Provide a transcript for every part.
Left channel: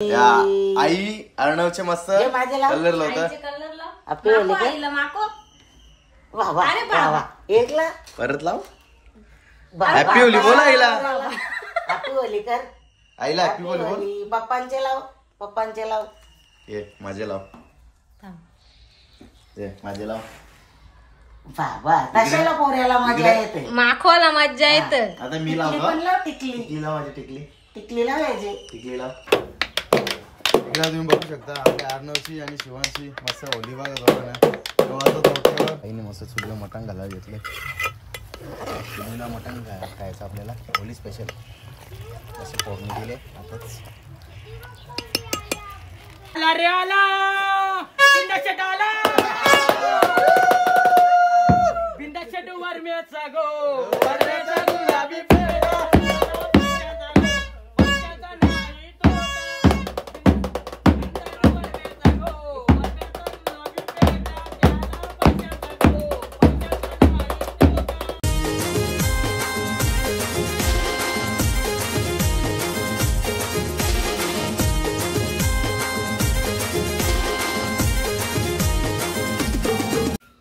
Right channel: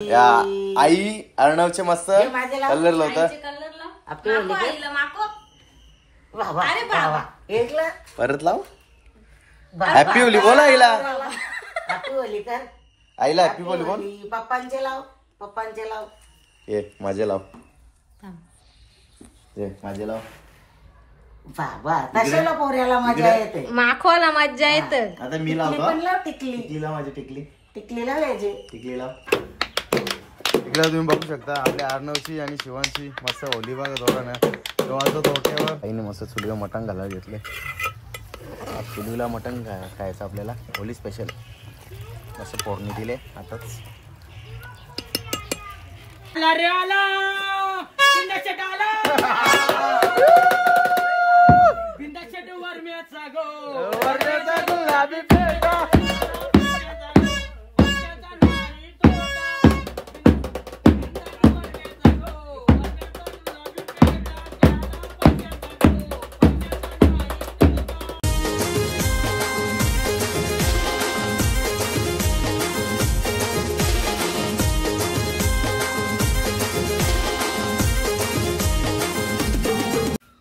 या आई अर्णवचे मस्त कलर लावत परत लाव. हॅपी होली बोला आईला. हॅपी होली कर आईला हॅपी होली बोल. पप्पांचे लाव, पप्पांचे लाव. ये माझे लाव, ये माझे लाव. बाबा कशाला पोऱ्याला मजा येते, माखवाला मजा येते. आता मी लावतो. टिकली टिकलीला माझी टिकली, टिकलीला पाहिजे. टिकलीला इकडे तुम्ही बघू शकता आपल्या अर्णवची आणि शिवांची मस्त होली बघा जोरानं. तेव्हा तो आईने मस्त चुलीला मटण घालायला घेतले. चुलीला मटण खायचं आपल्याला होली स्पेशल. मस्त फोडणी दिले आताच.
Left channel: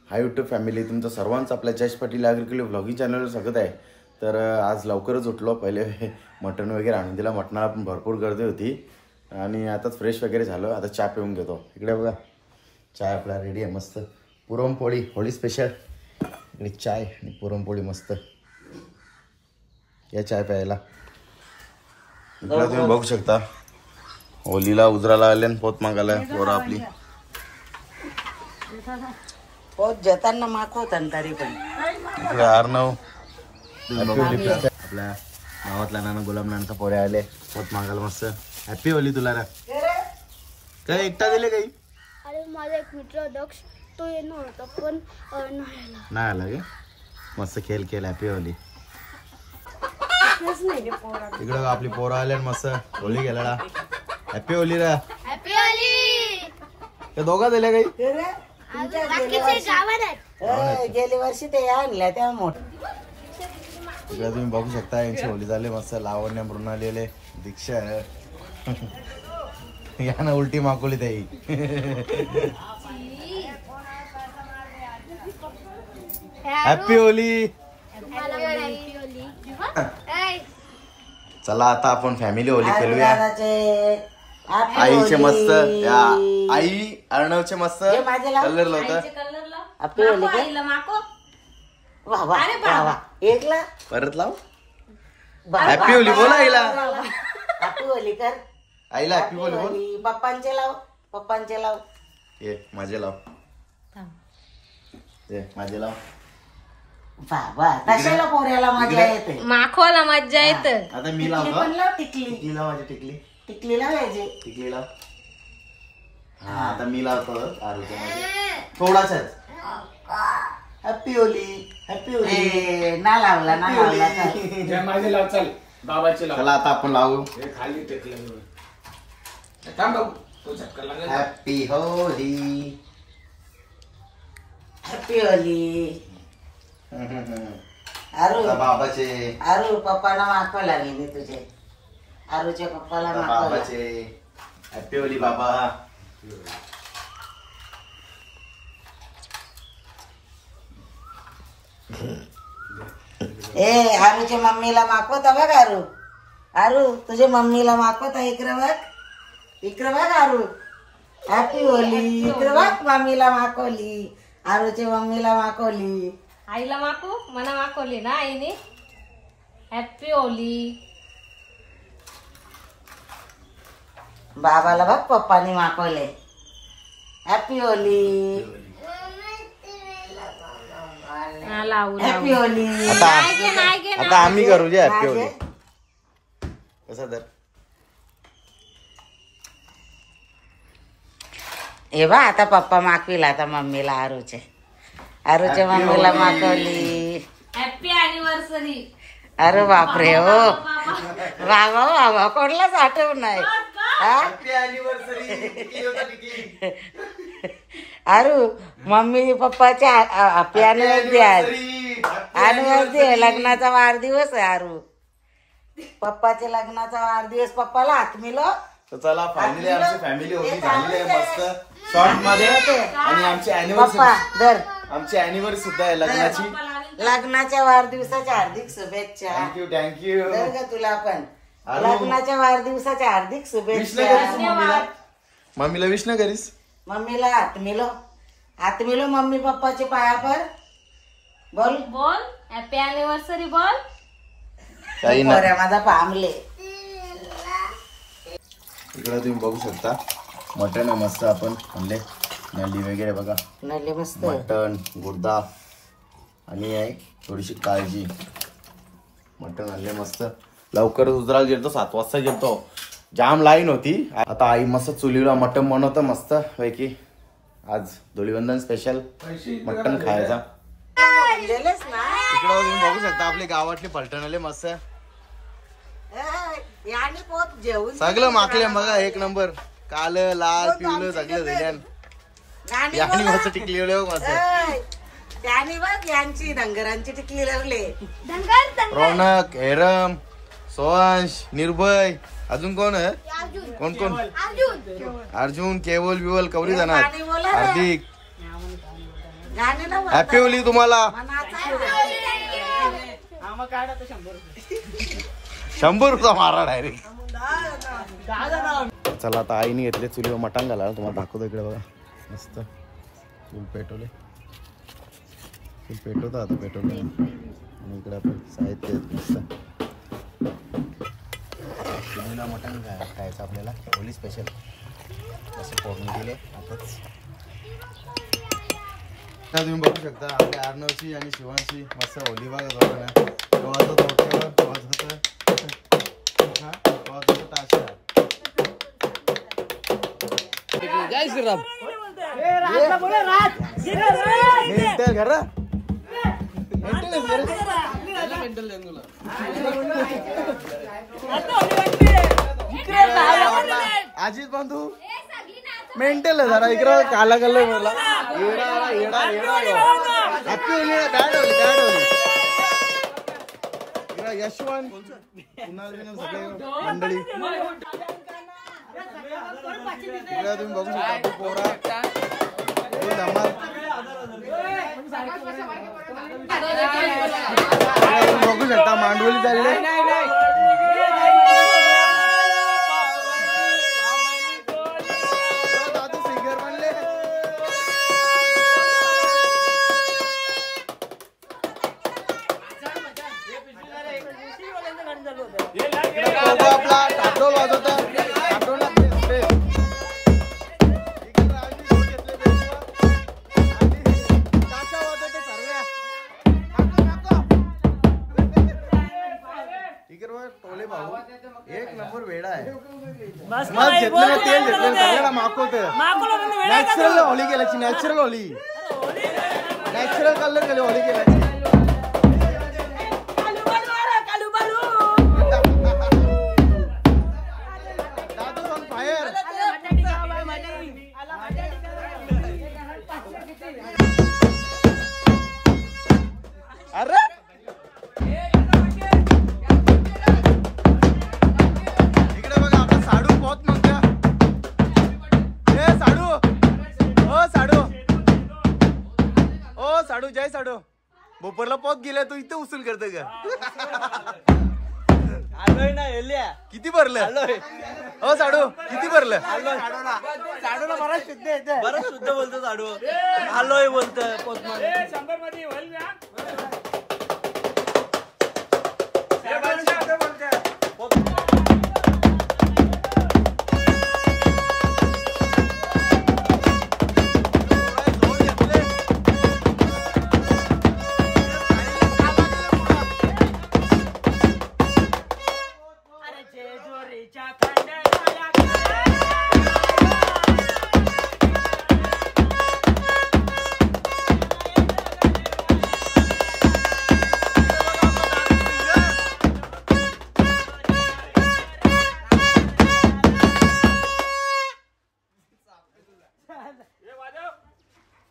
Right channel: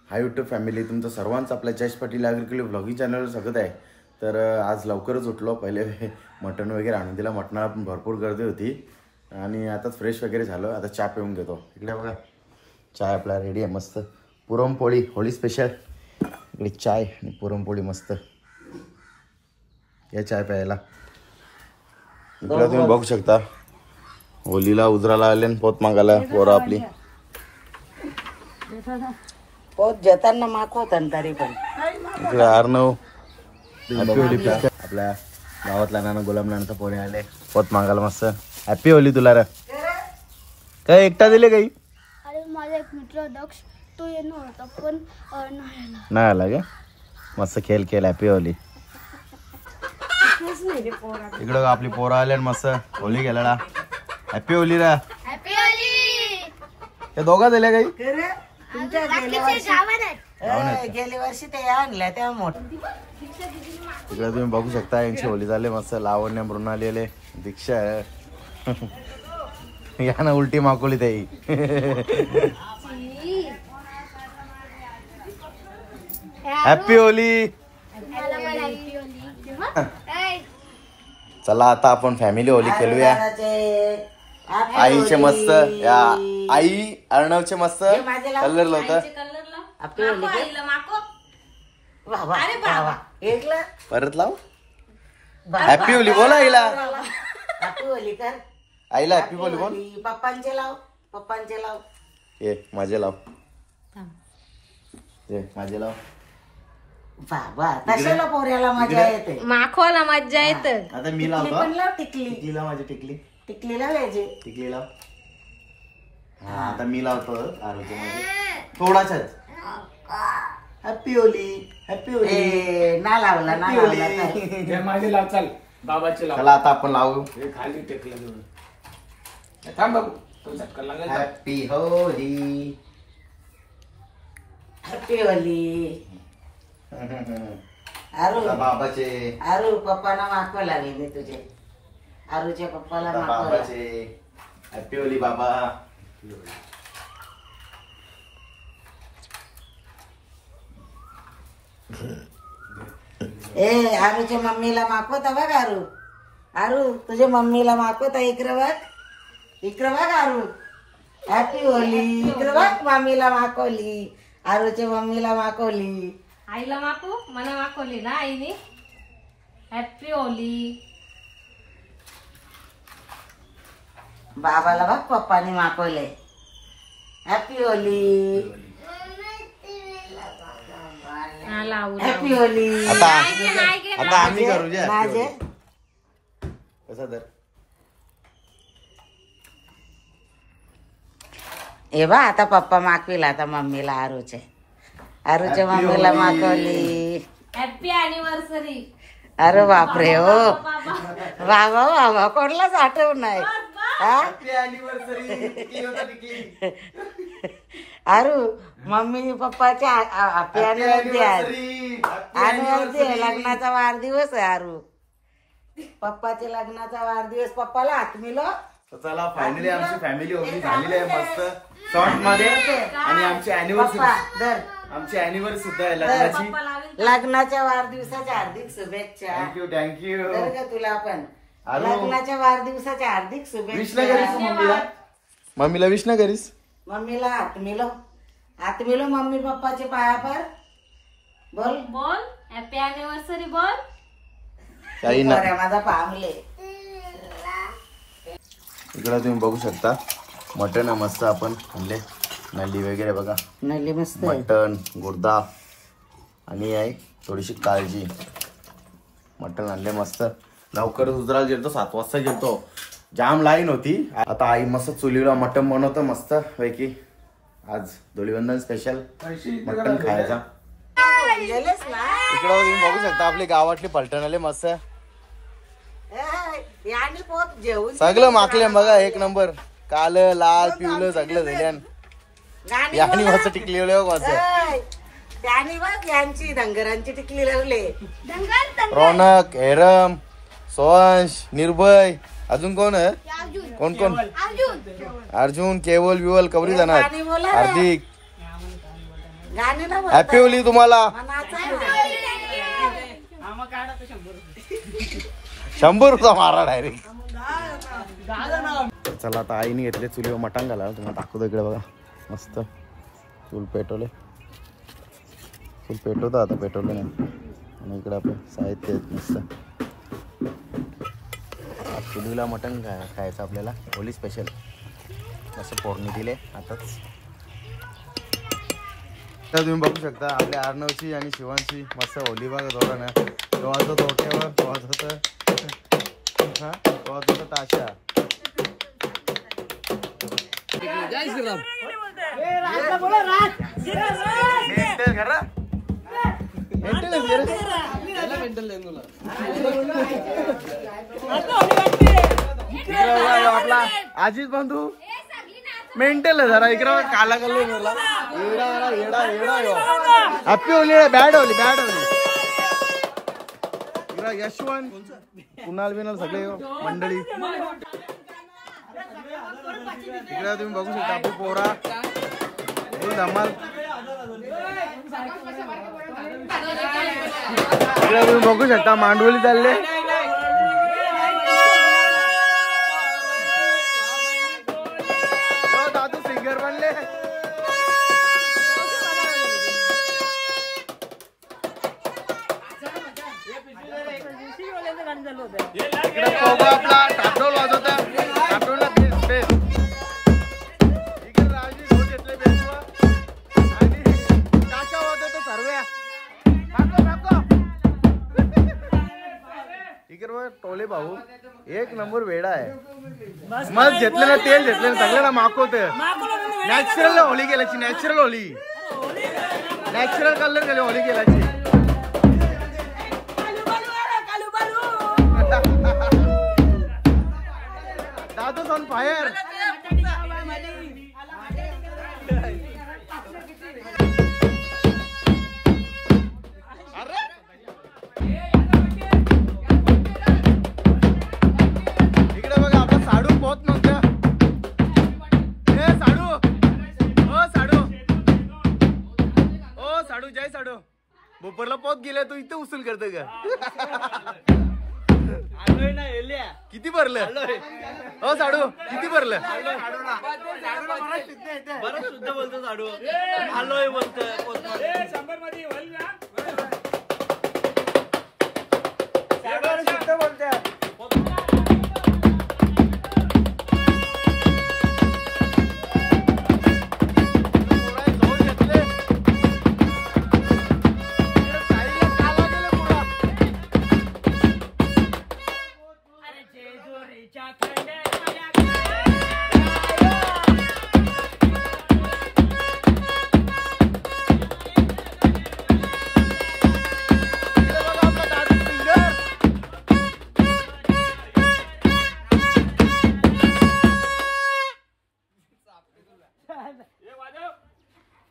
हाय यूट्यूब फॅमिली, तुमचं सर्वांचं आपल्या जयेश पाटील ॲग्रिकल्चर व्लॉगिंग चॅनलवर स्वागत आहे. तर आज लवकरच उठलो. पहिले मटण वगैरे आणून दिला. मटणाला पण भरपूर गर्दी होती आणि आताच फ्रेश वगैरे झालं. आता चहा पिऊन घेतो. इकडे बघा चाय आपला रेडी आहे मस्त. पुरणपोळी होळी स्पेशल. इकडे चाय आणि पुरणपोळी मस्त. या चाय प्यायला. इकडे तुम्ही बघू शकता होलीला उजराला आले पोत मागायला पोरं आपली. पोत जेताना माखवतात तरी पण. इकडे अर्णव आपल्या गावातल्या नाना गुलाम नानाचा पोरे आले पोत मागायला मस्त. हॅपी होली तुला रे. काय एकटा दिले काही? अरे माझा एक मित्र दक्ष तो येणार होता पण नाही आला का? मस्त खेळ खेळ. Happy Holy. इकडं आपली पोरं आले मस्त होली खेळायला. हॅपी होली रा. Happy Holy. ते दोघा दिले काही? गेल्या वर्षी ते आणल्या त्या मोठ्या. इकडे तुम्ही बघू शकता यांची होली झाली मस्त. लावण्य मृणाली आले, दीक्षा या ना उलटी माकोली ताई. Happy Holy. चला आता आपण फॅमिली होली खेळूया. आईचे मस्त या आई अर्णवचे मस्त कलर लावत. परत लाव. हॅपी होली बोला आईला. हॅपी होली कर आईला हॅपी होली बोल. पप्पांचे लाव, पप्पांचे लाव. ये माझे लाव, ये माझे लाव. बाबा कशाला पोऱ्याला मजा येते, माखवाला मजा येते. आता मी लावतो. टिकली टिकलीला माझी टिकली, टिकलीला पाहिजे. टिकली लाव. हा आता मी लावतो आरोग्यामध्ये थोडासाच. Happy Holi, happy Holi. ना लावला ना लावला. माझे लाव. चल बाबाचे लाव. चला आता आपण लावू. खाली टेकलं थांब बाबू. तो झटका लागेल. Happy Holi, happy Holi. आरू बाबाचे, आरू पप्पाला मागवा लागेल तुझे. आरूच्या पप्पाला बाबाचे. हॅपी होली बाबा. ए आरूच्या मम्मीला मागवता बघ. आरू, आरू तुझ्या मम्मीला मागवता. इकडं बघ, इकडं बघ आरू. Happy Holy. इकडं बघ मम्मीला मागवली. आरूच्या मम्मीला मागवली. आईला माको मला माकवली ना आईने. Happy Holy. बाबाला बघ पप्पाने मागवले. Happy Holi, happy Holy. आता आता आम्ही करू जे हॅपी होली. कसं तर हे बा आता पप्पा मागविला आता मम्मीला. आरूच्या मम्मीला मागवली. Happy anniversary. अरे बापरे हो बाबा. बाबा कोणलाच आठवण नाही. आरू मम्मी पप्पाच्या हॅपी अॅनिव्हर्सरी आज. अॅनिव्हर्सरी आहे, लग्नाचा वाढदिवस आहे. आरू पप्पाच्या लग्नाचा वाढदिवस. पप्पाला हात मिळव. तर चला फायनली आमची फॅमिली होती झालेली आहे मस्त शॉर्ट मध्ये. आणि आमची अॅनिव्हर्सरी सुद्धा आहे लग्नाची. लग्नाच्या वाढदिवसाच्या हार्दिक शुभेच्छा. थँक्यू तुला पण लग्नाच्या वाढदिवसाच्या हार्दिक शुभेच्छा. मम्मीला विश ना करीस. मम्मीला हात मिलो मम्मी पप्पाचे पाया पर बोल बोल हॅपी अॅनिव्हर्सरी बोल. काही ना माझा पामले. इकडे तुम्ही बघू शकता मटण मस्त आपण आणले. नल्ली वगैरे बघा नल्ली मस्त मटण गुर्दा आणि आहे थोडीशी काळजी. मटण आणले मस्त. लवकर उजराला गेलतो 7 वाजता गेलतो. जाम लाईन होती. आता आई मस्त चुलीला मटण बनवतं मस्त पैकी. आज धुळीवंदन स्पेशल मटण खायचा. इकडं तुम्ही बघू शकता आपली गावातली पलटण आले मस्त. सगळं माकले बघा एक नंबर. काल लाल पिवलं सगळं झाल्यान. यानी मस्त टिकली मस्त. यांची धनगरांची टिकली लागले. रौनक हेरम सोहंश निर्भय अजून कोण आहे कोण कोण अर्जुन केवल विवल कवरी जाणार हार्दिक. हॅपी होली तुम्हाला. 100 रुपये मारा डायरेक्ट. चला आता आईने घेतले चुलीवर मटण घाला. तुम्हाला दाखवतो इकडे बघा मस्त चूल पेटवले. चूल पेटवतो आता पेटवलं नाही. आणि इकडे आपण साहित्य मस्त चुलीला मटण खायचं आपल्याला होली स्पेशल. मस्त फोडणी दिले आताच. तर तुम्ही बघू शकता आपल्या अर्णवची आणि शिवांशी मस्त होली बघा जोडा ना. वाजतो तोट्यावर वाजवत ताशा. जय श्रीराम. अजित बंधू मेंटल आहे जरा. इकडं काला कल्ले मला येडा येडा येडा. Happy Holy bad Holy. इकडं यशवंत कुणाल बिनाल सगळे मंडळी. इकडे तुम्ही बघू शकता आपली पोरा धमाल. इकडे तुम्ही बघू शकता मांडवली चालले. दादू सिंगर बनले. इकडे आपला टापडोल वाजवता. टापडोलला टोले भाऊ एक नंबर वेडा आहे. मग घेतलं ना तेल घेतलं सगळ्याला माकवत. नॅचरल होली केल्याची. नॅचरल होली नॅचरल कलर केले होली केल्याची. दादू ऑन फायर. अरे इकडे बघा आपला साडू पोत म्हणतो. ए साडू ओ साडू जय साडू. बोपरला पोत गेला तू इथे उचल करते का. किती भरलं ओ साडू किती भरलं.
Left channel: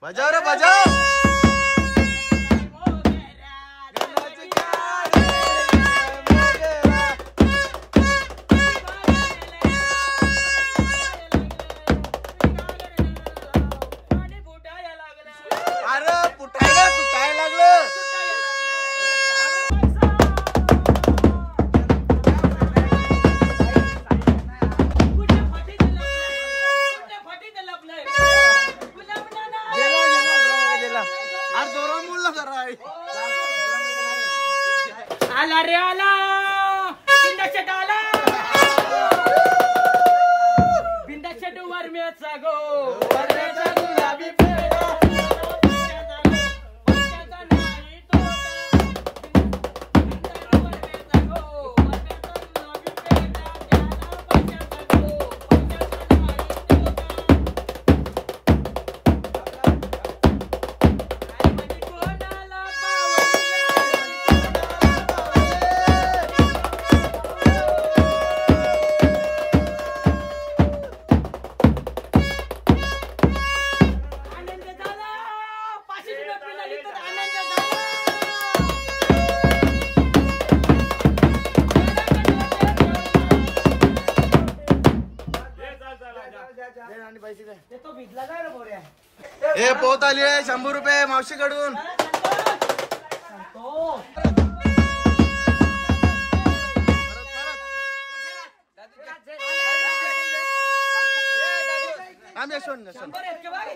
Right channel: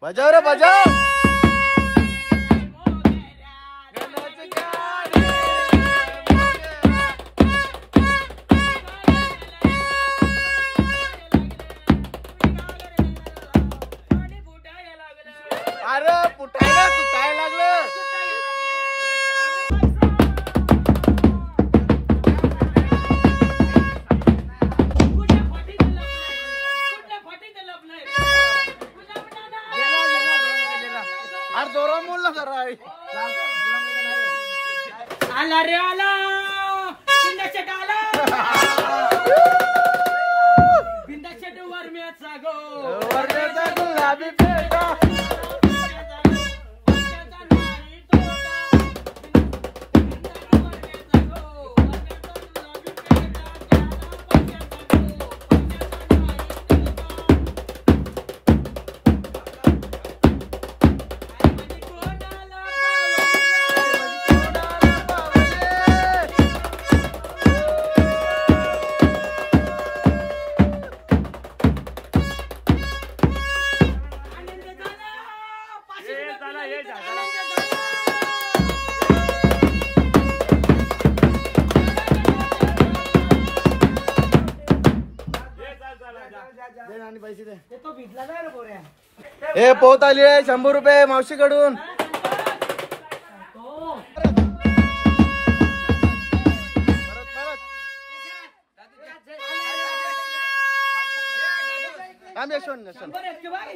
बजाव रे बजाव. यायला लागलं. अरे जोरात बोल ना जरा. आला रे आला बिंदाशेट आला बिंदाशेट वरम्याचा गो वरम्याचा गुलाबी पेटा वरम्याचा नाही तोटा वरम्याचा गो वरम्याचा गुलाबी पेटा वरम्याचा गो वरम्याचा नाही तोटा कोणाला ए पोत आली आहे 100 रुपये मावशीकडून.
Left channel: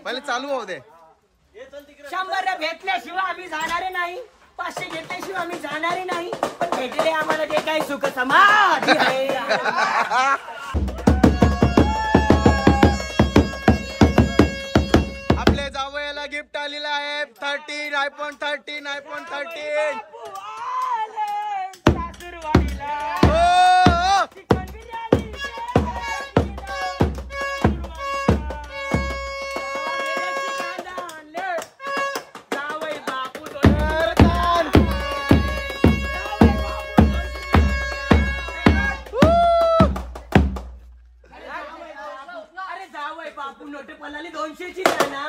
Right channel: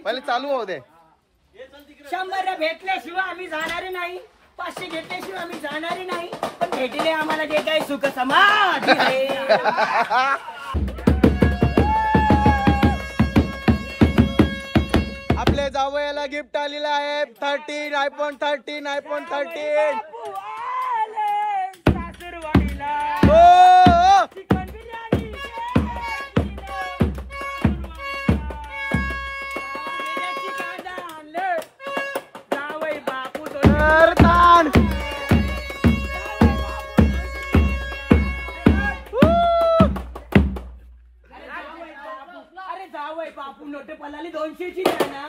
पहिले चालू होऊ दे. 100 भेटल्याशिवाय आम्ही जाणारे नाही 500 घेतल्याशिवाय आम्ही जाणारे नाही पण भेटले आम्हाला जे काही सुख समाधी आहे. आपल्या जावयाला गिफ्ट आलेलं आहे 13 iPhone 13. अरे जावय बापू नोटे पलाली 200ची द्या ना.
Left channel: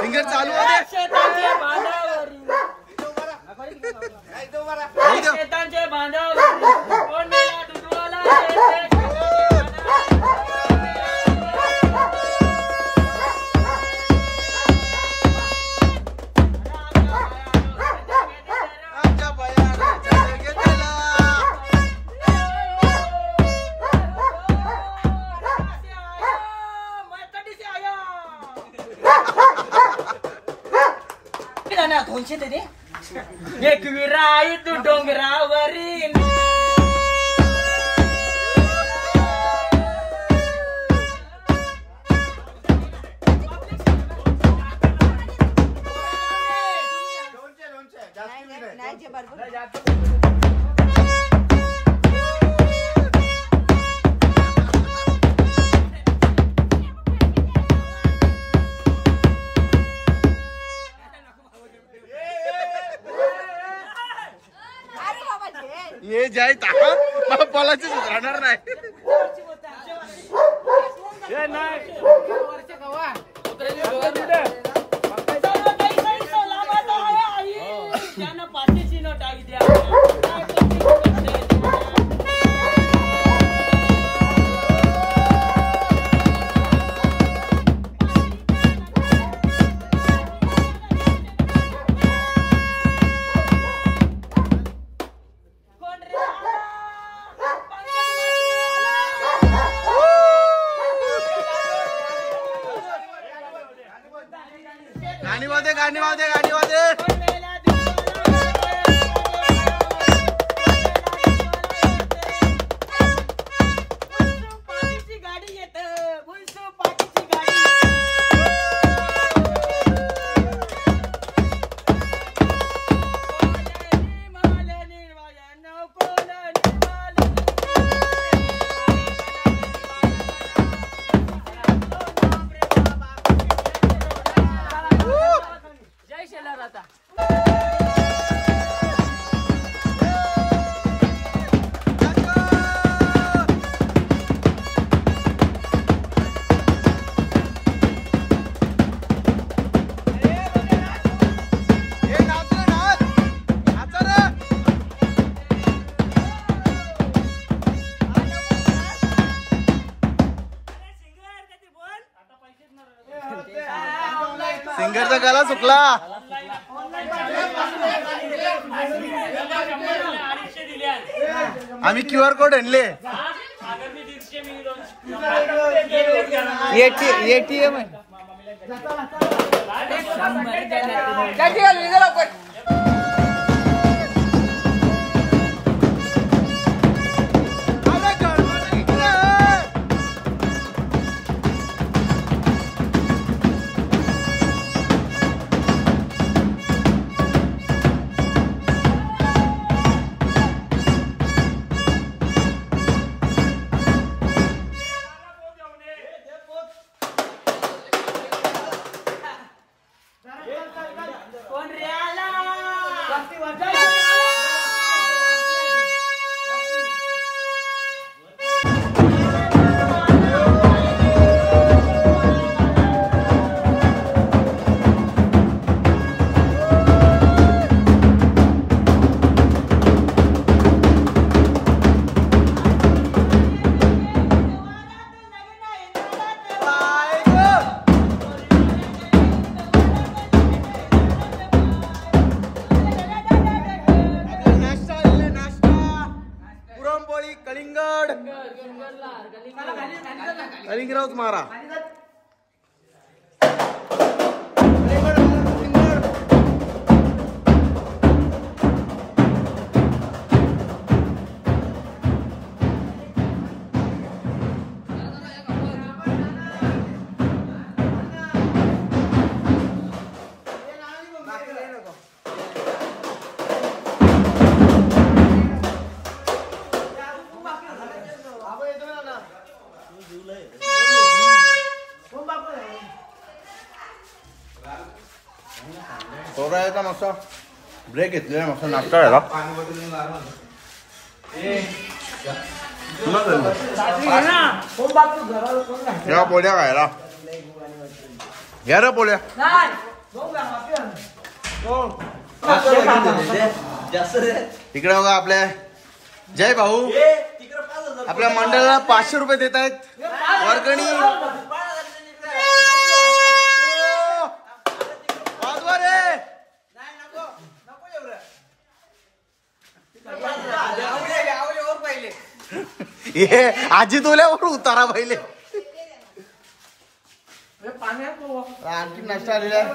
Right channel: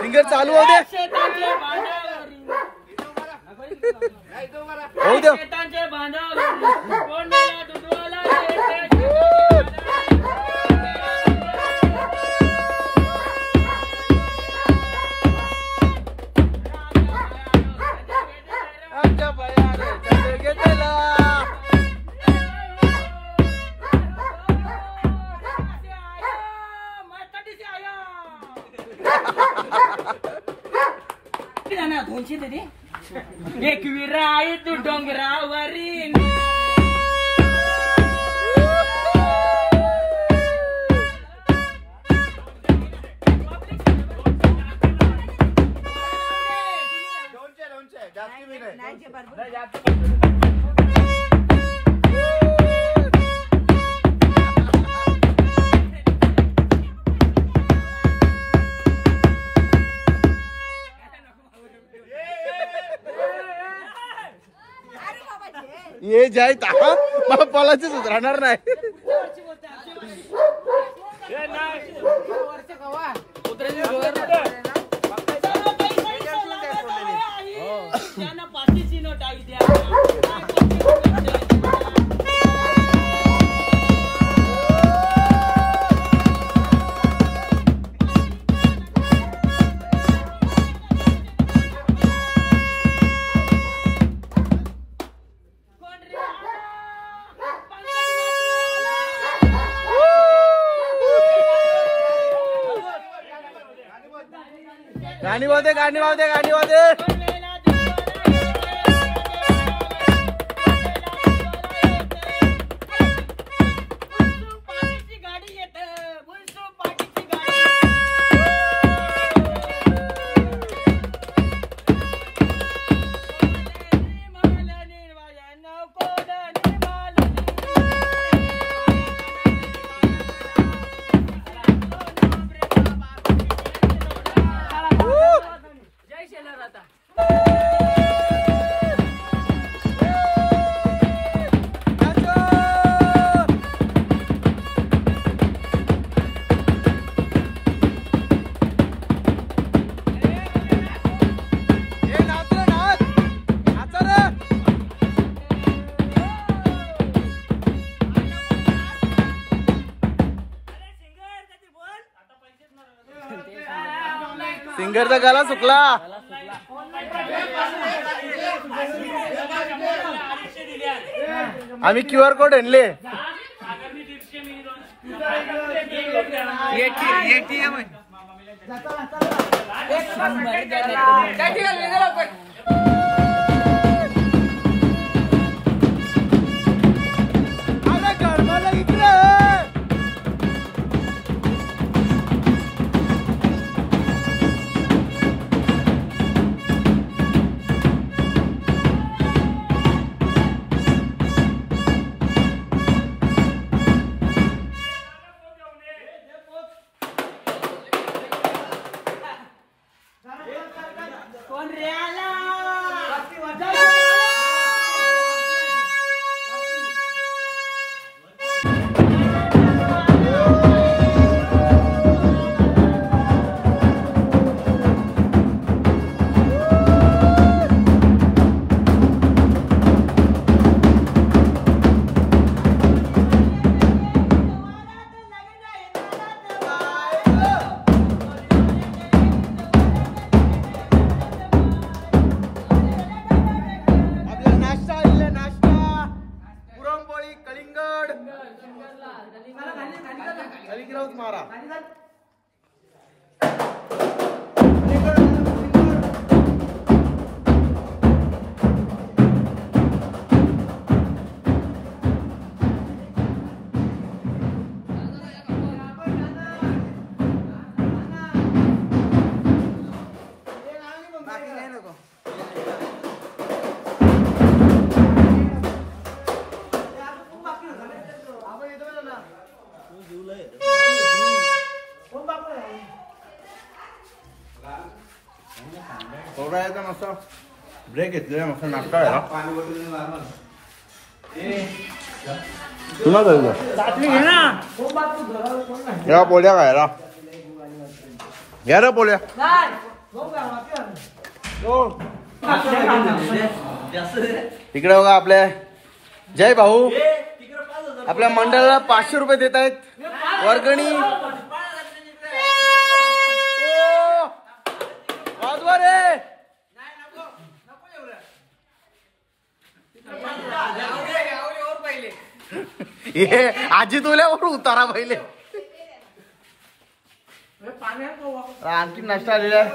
फिंगर चालू होऊ दे. शेतांच्या बांधावरी होऊ दे. शेतांच्या बांधावरी कोंडेला दुधवाला येते. आमच्या बयाने चढ घेतला. ना 200 दे रे. एक विराई तू डोंगरावरी ये जाय मला बोलायचं सुधारणार नाही. त्यांना 500ची नोट आई द्या. गाणी वाजते. सिंगरचा गला सुकला. आम्ही QR कोड आणले. ATM आहे. कलिंगरावच मारा. थोडा मागचा ब्रेक घेतलेला मागचा नाश्ता झाला. या पोळ्या खायला घ्या रे पोळ्या. इकडे बघा आपल्या जय भाऊ आपल्या मंडळाला 500 रुपये देत आहेत वर्गणी. ये आजी तुल्यावर उतारा पहिले. आणखी नाश्ता आलेला आहे.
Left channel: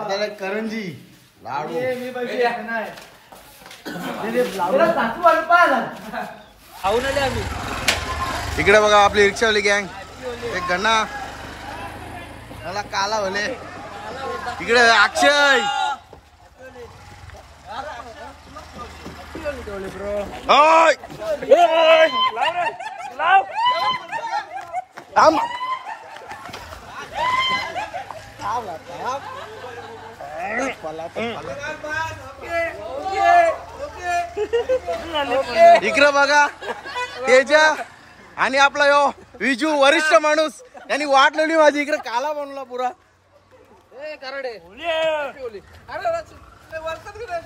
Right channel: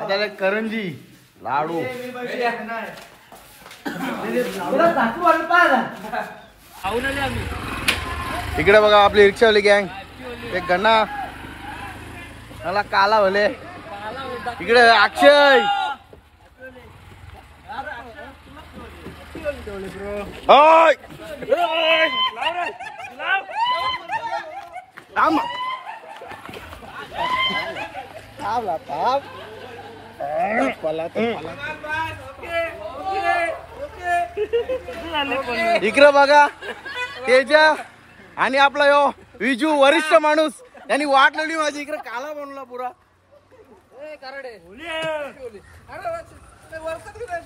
आता करंजी लाडू. इकडे बघा आपली रिक्षावाली गँग. एक गणा मला काला भले. इकडे अक्षय. इकडे बघा तेजा आणि आपला यो विजू वरिष्ठ माणूस यांनी वाट लावली माझी. इकडे काला बनवला पुरा.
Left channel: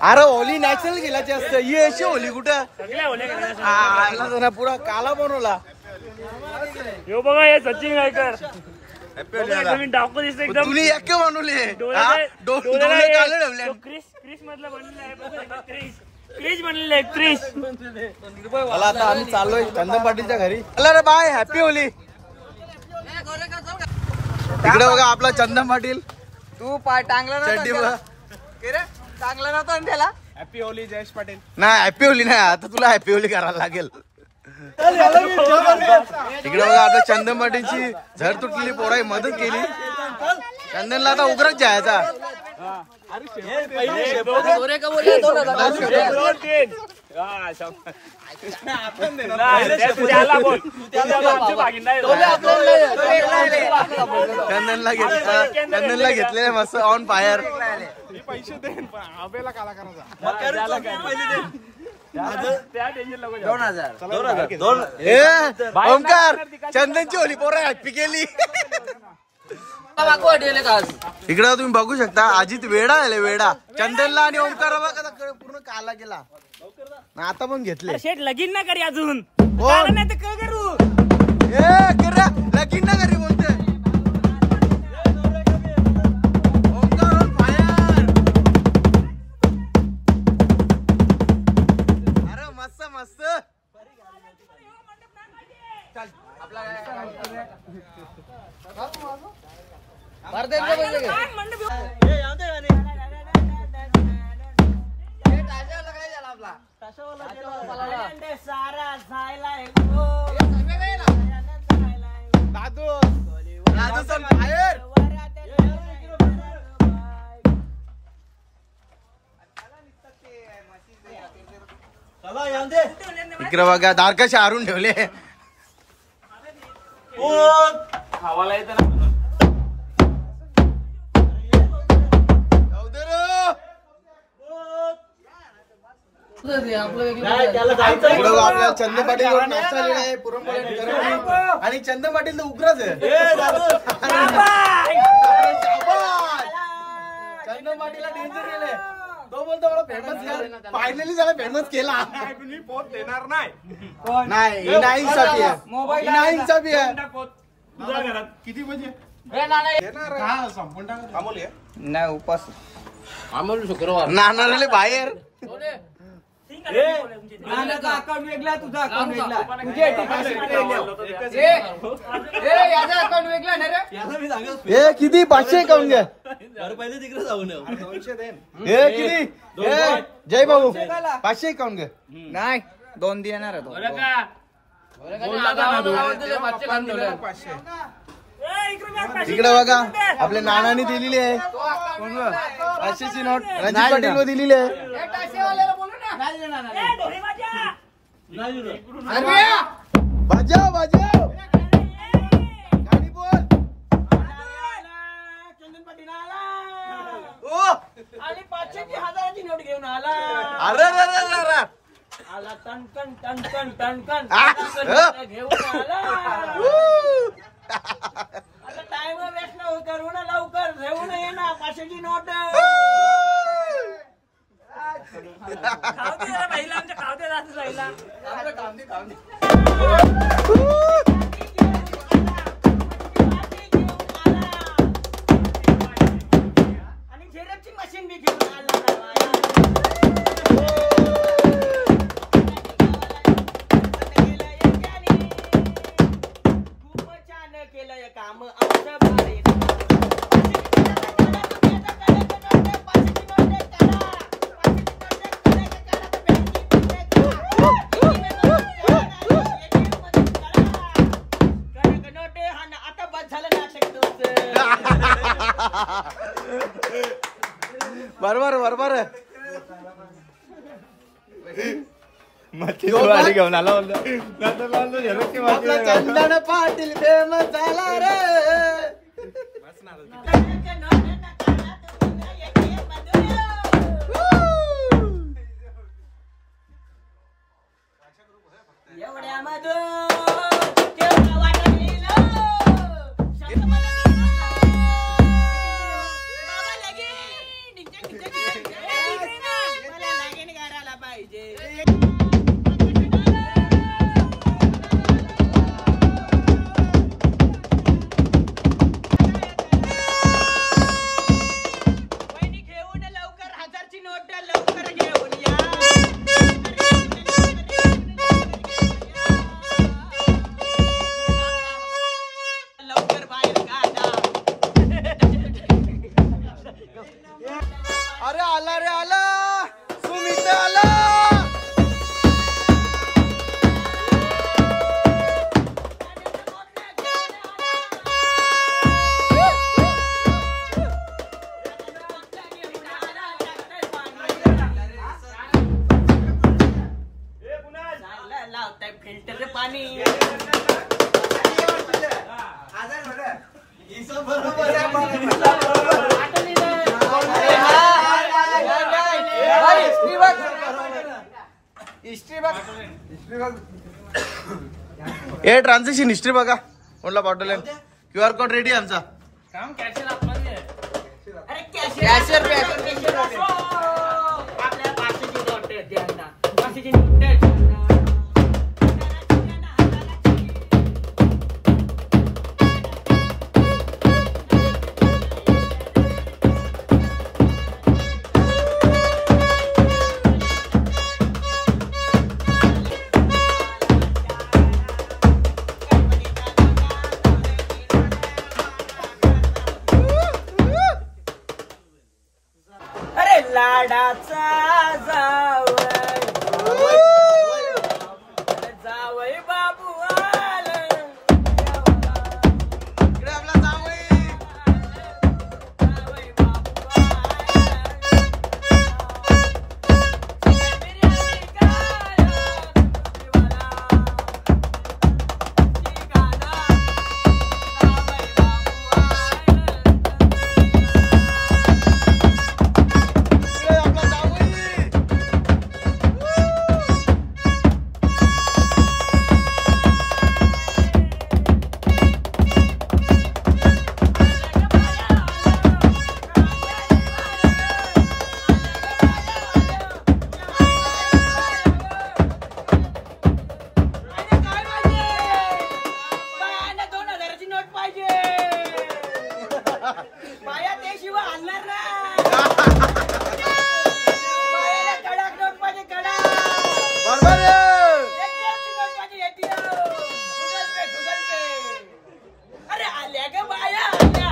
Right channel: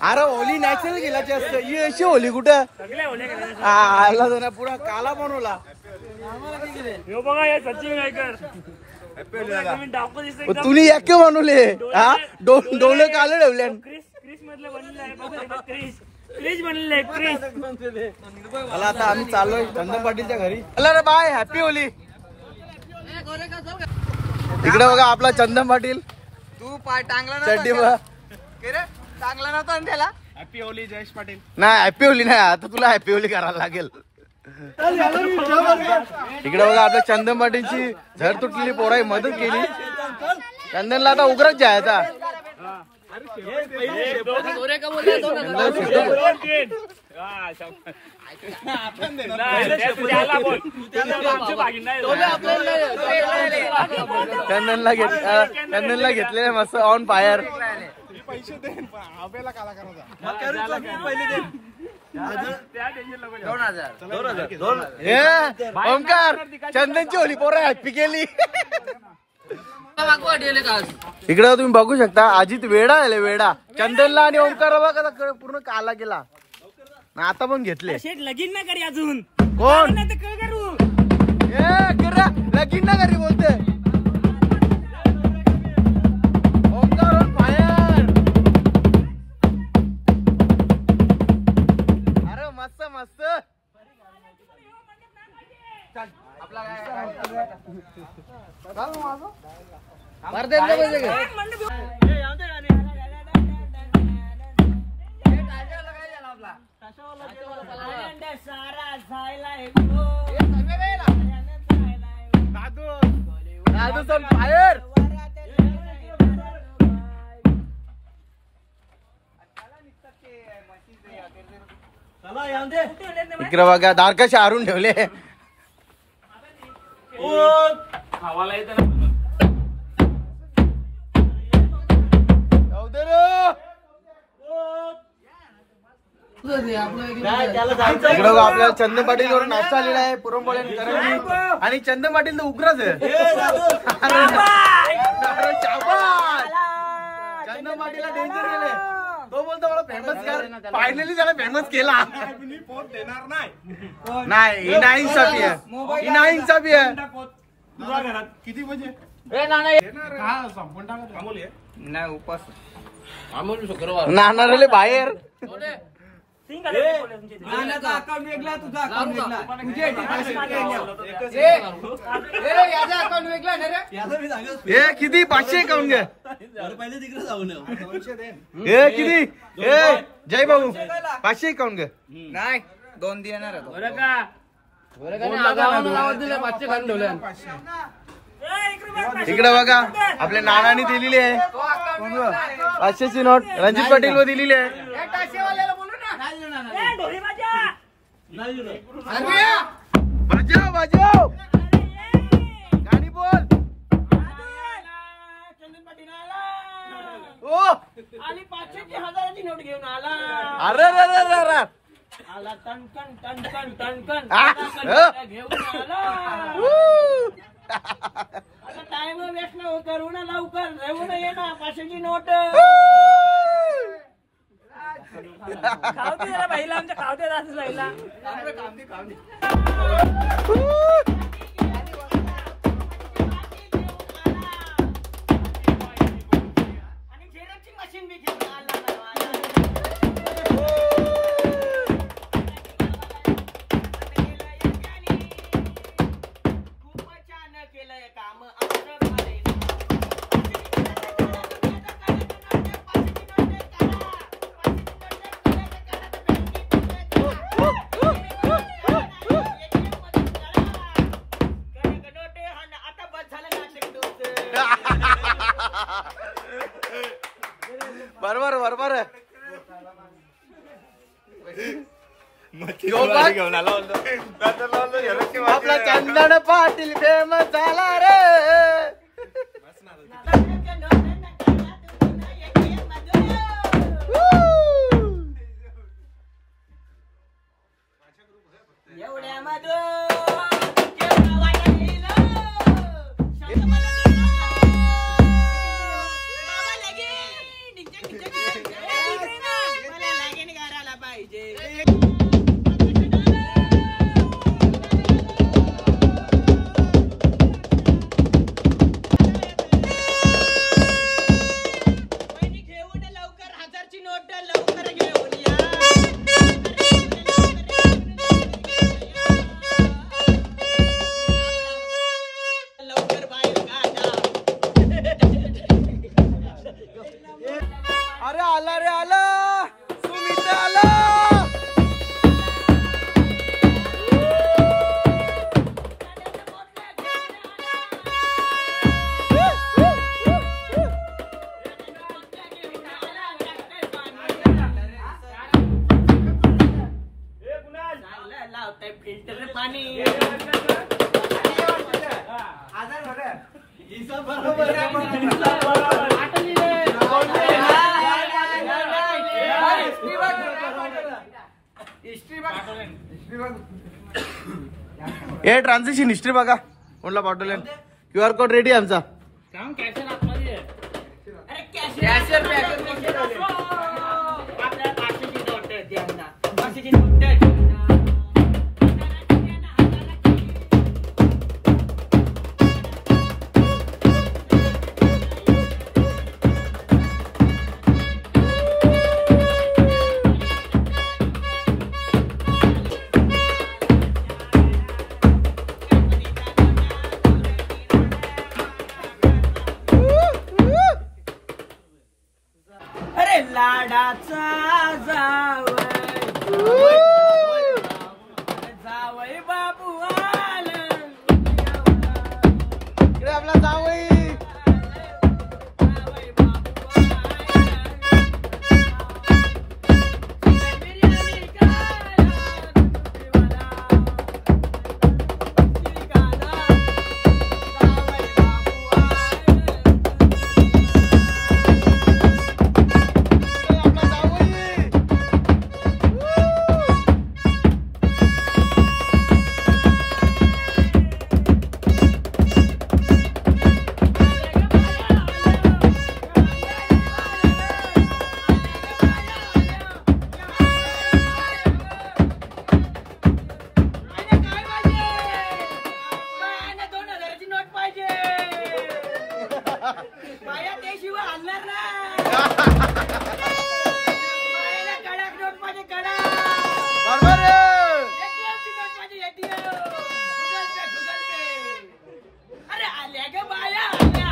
अरे होली नॅचरल गेल्याची असते ही अशी होली कुठं आला ना पुरा काला बनवला. सचिन गायकर तुम्ही एक बनवले दोन काले ठेवले. मला आता आम्ही चाललोय चंदन पाटीलच्या घरी. अला रे बाय हॅपी होली. इकडे बघा आपला चंदन पाटील. तू पाय टांगला चड्डी चांगला नव्हता त्याला. Happy Holy Jayesh Patil. नाही हॅपी होली नाही आता तुला हॅपी होली करायला लागेल. इकडे बघा आपल्या चंदन पाटीलची झड तुटलेली पोराई मदत केली. चंदनला आता उग्रच जायचा. चंदनला घेतले मस्त ऑन फायर. पैसे दे आबेला काला करायचा. 2000 ओमकार चंदनची होली पोरं हॅपी केली. इकडे तुम्ही बघू शकता अजित वेडा आले. वेडा चंदनला आणि ओमकार पूर्ण काला केला. आता पण घेतले. शेट लगीन ना करी अजून. कोण नाही तर काय करू. लगीन ना करी बोलते ओमकार. सारा जायलाय राजू सन फायर. इकडे बघा दार कसे हारून ठेवले. इकडे आपल्याला चंद पाटील वर नाश्ता आलेला आहे. पुरणपोळी आणि करंजी. आणि चंद पाटील तर उग्रच आहे. चंद पाटीलला डेंजर केलंय. तो बोलतो मला फेमस कर. फायनली त्याला फेमस केला. पोत देणार नाही. नाही ही नाही इन्साफी आहे. ही नाही इन्साफी आहे. तुझ्या घरात किती म्हणजे का संपून टाकून थांबवली आहे? नाही उपास नानारले बाहेर. अकाउंट वेगळा तुझा अकाउंट वेगळा तुझे अकाउंट वेगळा ना रे. हे किती 500 काऊन घ्या. हे किती हे जय भाऊ 500 काऊन घ्या. नाही 2 देणार आहे तो. इकडे बघा आपल्या नानांनी दिलेली आहे. 500ची नोट रणजित पाटील व दिलेली आहे. वाजव वाजव गाणी बोल. आणि 500ची 1000ची नोट घेऊन आला. अरे आला टन टन टन टन टन टन घेऊन आला. आता टाइम वेस्ट न करू ना लवकर घेऊन ये ना 500ची नोट. आणि झेरॉक्सची मशीन बी घेऊन आला. खूप छान केलंय काम आमचं भारी. बरोबर बरोबर आपला चंदन पाटील फेमस झाला रे. एवढ्या अरे आला रे आला सुमित आला. फिल्टर पाणी हे ट्रान्झॅक्शन हिस्ट्री बघा कोणला पाठवलं. QR कोड रेडी आमचा. आपल्या 500ची नोट द्या. 500ची नोट लाडाचा जावई बाबू आला इकडे आपला जावई बाया ते शिवाय आणणार ना बायाला कडक नोट पाहिजे कडक बरोबर ATM ची नोट पाहिजे ATM गुगल पे अरे आल्या ग बाया आल्या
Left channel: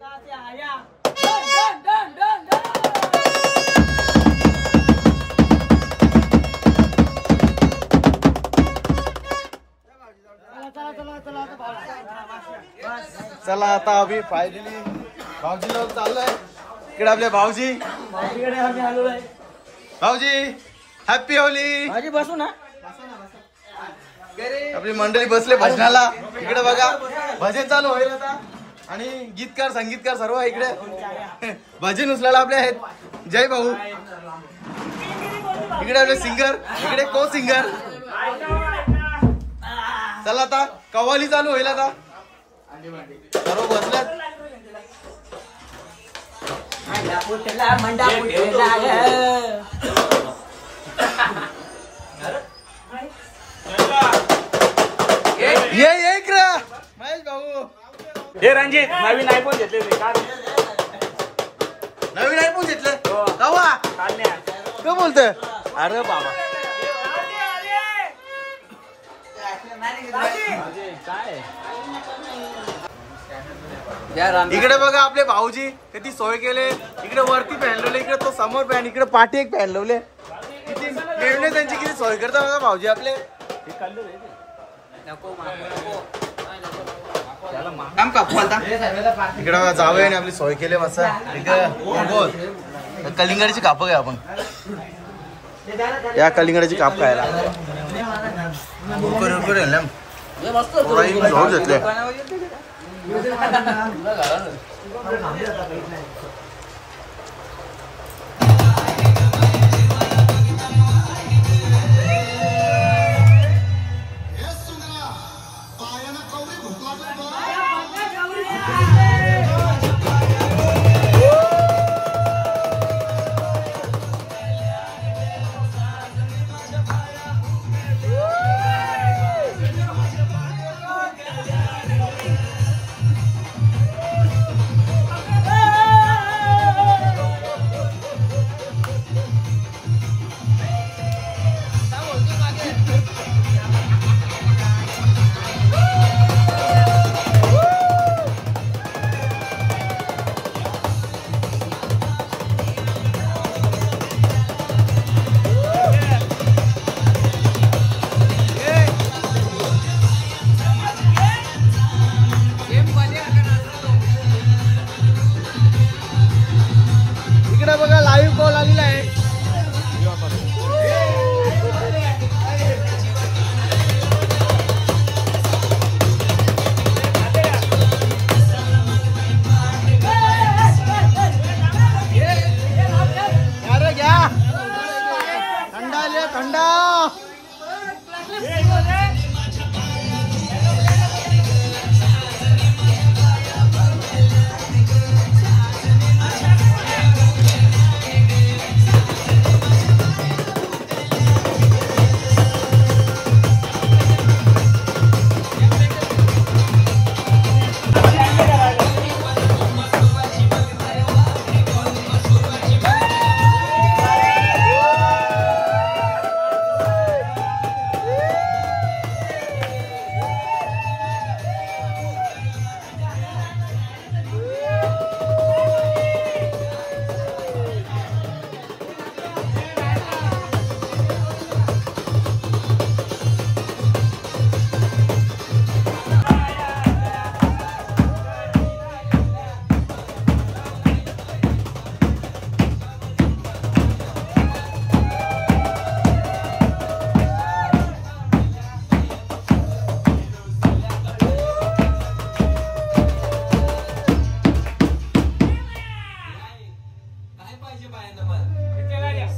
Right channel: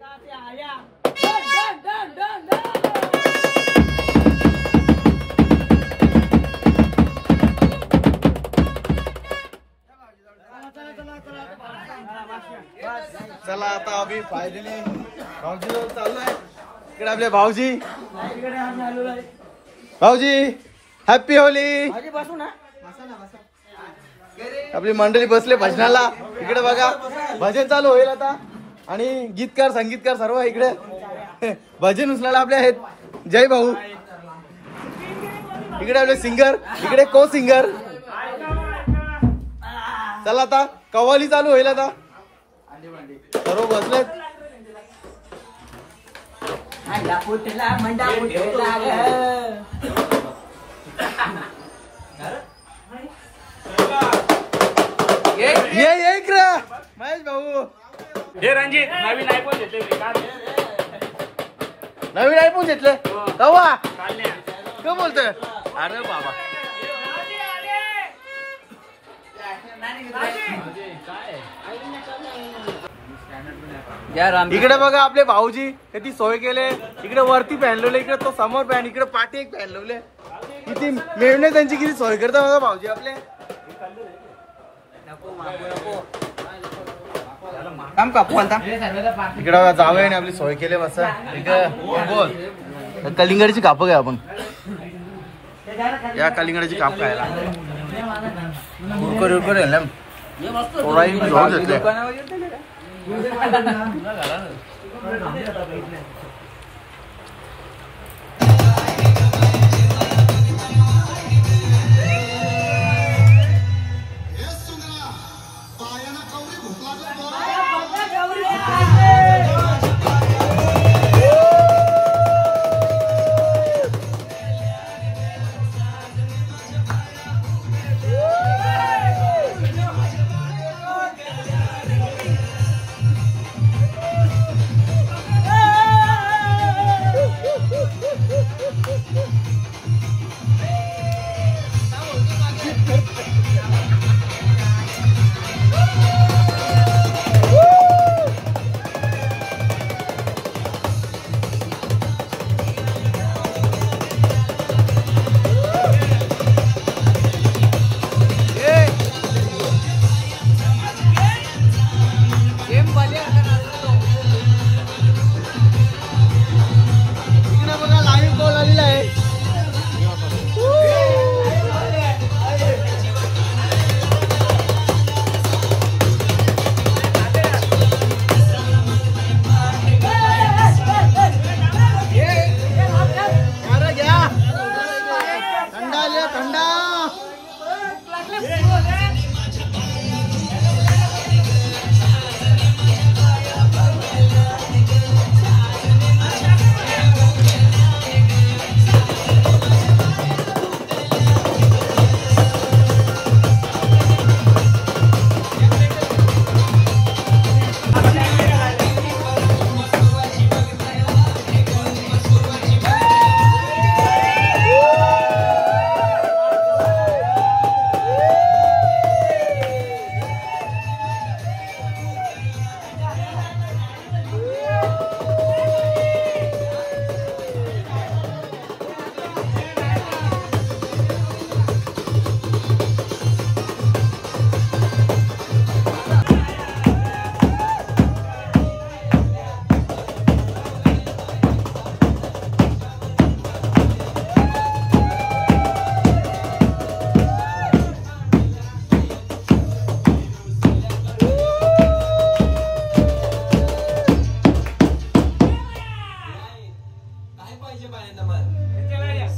कहाँ से आया डन डन डन डन चला आता आम्ही फायनली भाऊजी जवळ चाललोय. इकडे आपले भाऊजी. भाऊजी हॅपी होली. बसू ना आपली मंडळी बसले भजनाला. इकडे बघा भजन चालू होईल आता आणि गीतकार संगीतकार सर्व इकडे भजन उचलायला आपले आहेत. जय भाऊ. इकडे आपले सिंगर इकडे को सिंगर. चला आता कव्वाली चालू होईल आता. सर्व बसलेत. ये इकडे महेश भाऊ. हे रणजित नवीन आयफोन घेतले नवीन आयफोन घेतले कवा काय बोलतोय. अरे बाबा इकडे बघा आपले भाऊजी किती सोय केले. इकडे वरती फॅन लावले इकडे तो समोर फॅन इकडे पाठी एक फॅन लावले. किती मेहनत त्यांची किती सोय करतात बघा भाऊजी आपले. इकडे जावं आणि आपली सोय केली बस. इकडे बोल कलिंगडची काप घ्या आपण. या कलिंगडाची काप खायला उरकर घेऊन घेतले.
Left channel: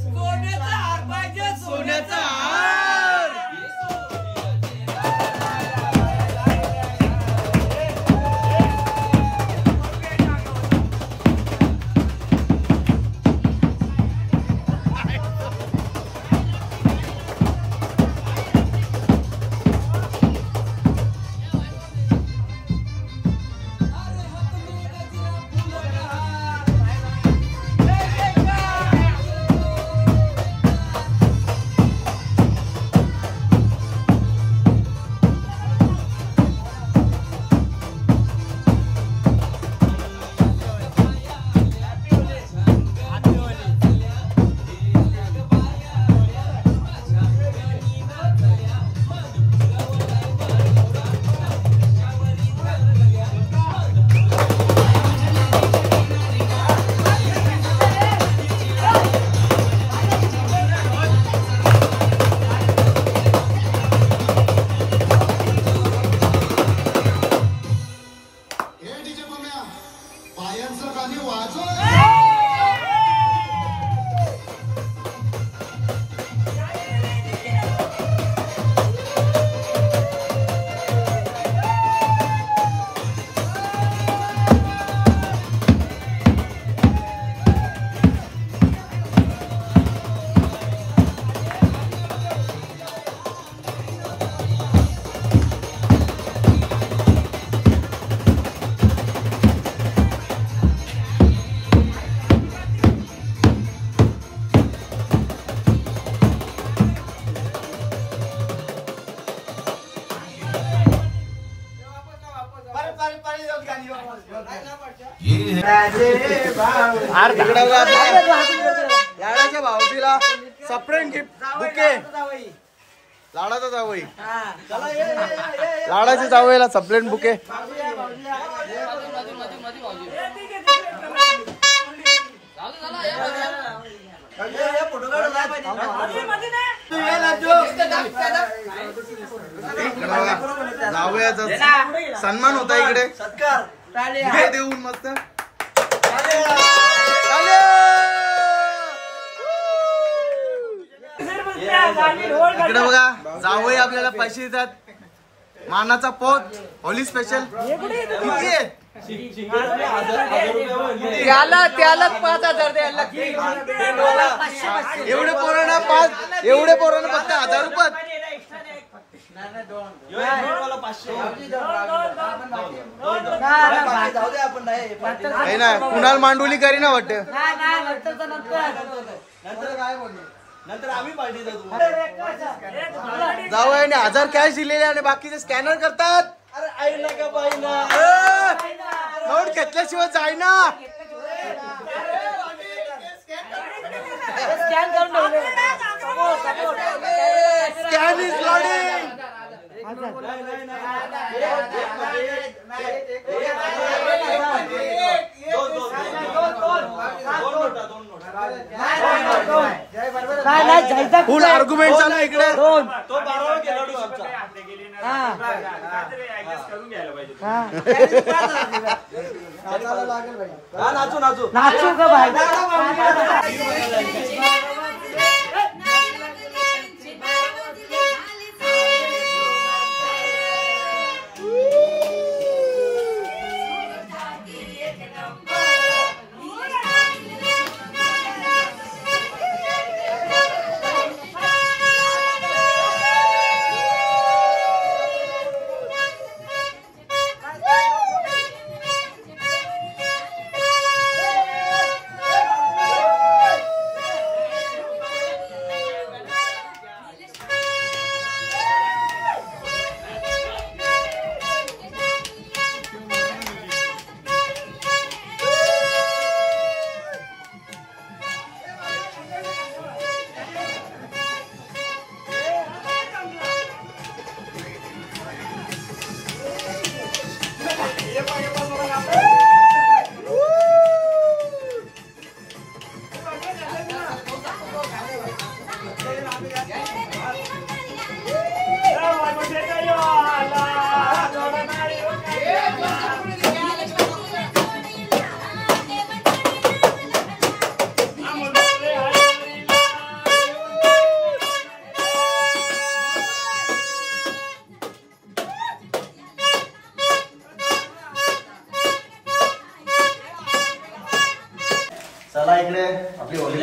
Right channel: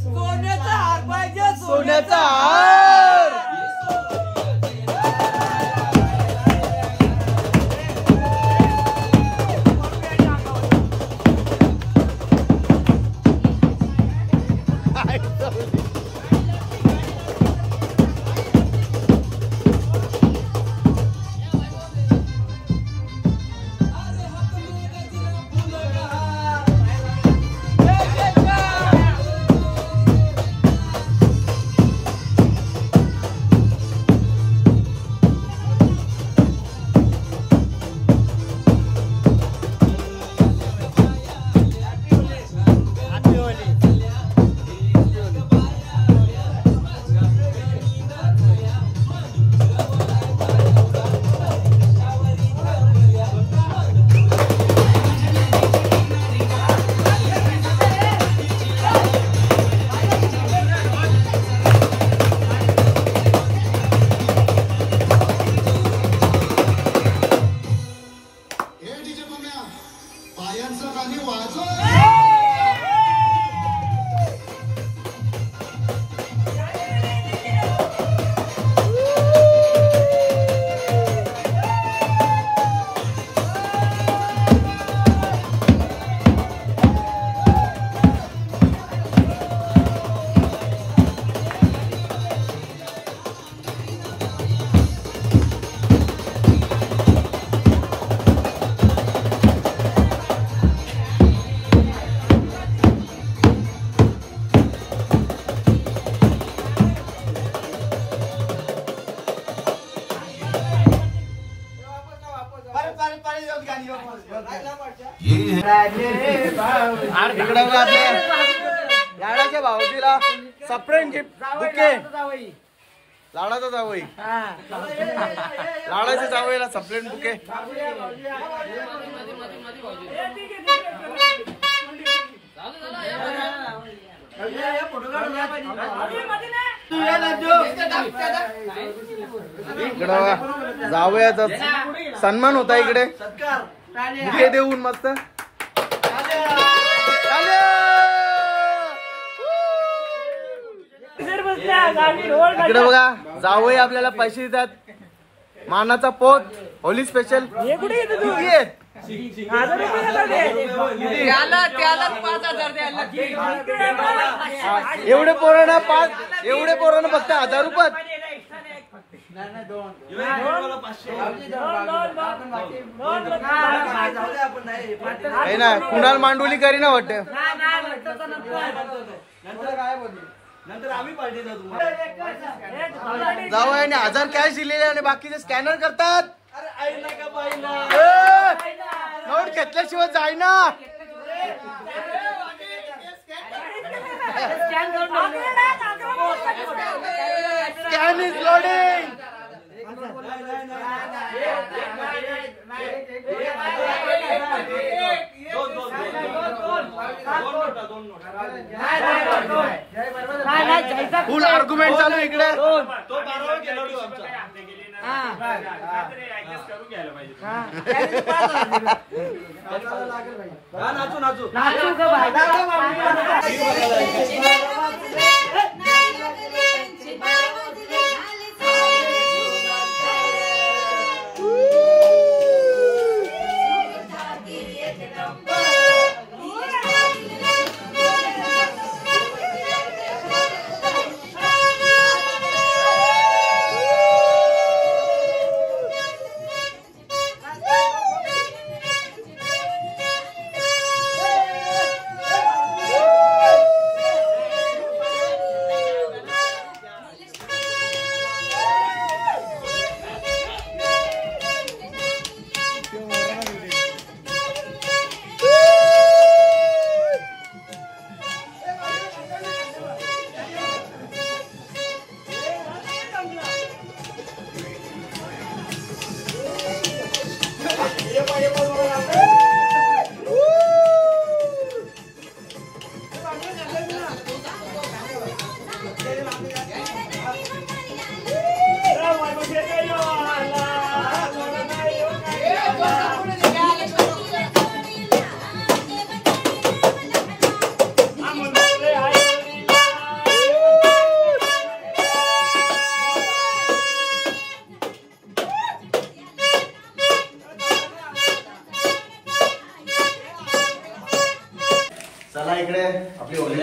सोन्याचा हार पाहिजे, सोन्याचा हार. इकडे लाडाच्या भावजीला सप्रेम गिफ्ट बुके. लाडाचा जावई, लाडाच्या जावईला सप्रेम बुके. इकडं जावयाचा सन्मान होता. इकडे बुके देऊन मस्त. इकडे बघा जावई आपल्याला पैसे देतात. मानाचा पोत होली स्पेशल किती आहे? एवढे पोरांना फक्त 1000 रुपयात. काही ना कुणाल मांडोली करी ना वाटत. जावयाने 1000 कॅश दिलेले आणि बाकीचे स्कॅनर करतात. नोट घेतल्याशिवाय जाईना. Scan is loading. Full argument चालू इकडे.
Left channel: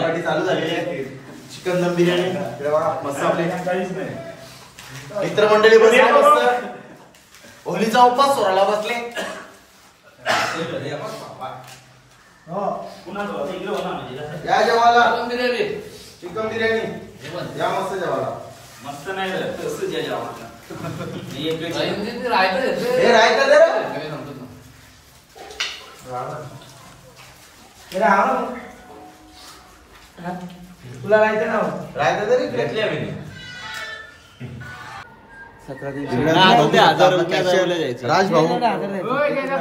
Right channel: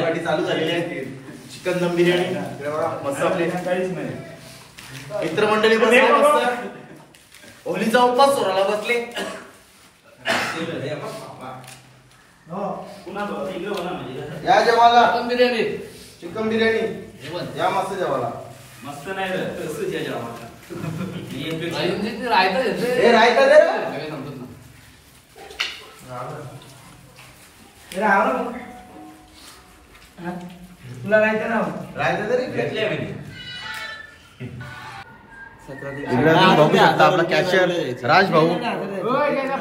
पार्टी चालू झालेली आहे. चिकन दम बिर्याणी हे बघा मस्त आपले मित्रमंडळी बसले मस्त. होलीचा उपवास सोहळा बसले. या जेवायला चिकन बिर्याणी या मस्त जेवायला. मस्त नाही कसं जेवण हे रायता दे रे. तुला माहिती ना रायता दे रे. घेतले आम्ही. राज भाऊ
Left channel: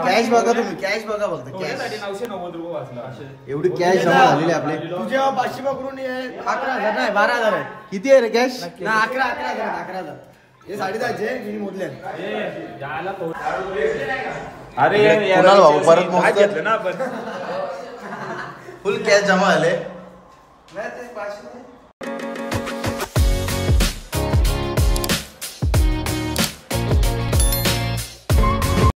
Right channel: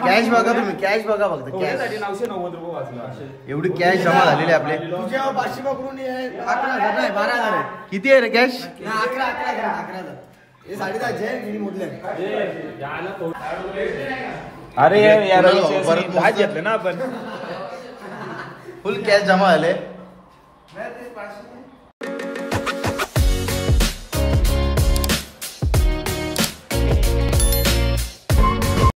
कॅश बघा तुम्ही. कॅश बघा फक्त कॅश. 990 रुपये वाचला. एवढी कॅश जमा झालेली आहे आपले. तुझ्या 500 पकडून 11,000 नाही 12,000 आहे. किती आहे रे कॅश? 11,000 हे 10,500 मी मोजले. अरे कुणाल भाऊ परत मोजतो. ना आपण फुल कॅश जमा झाले.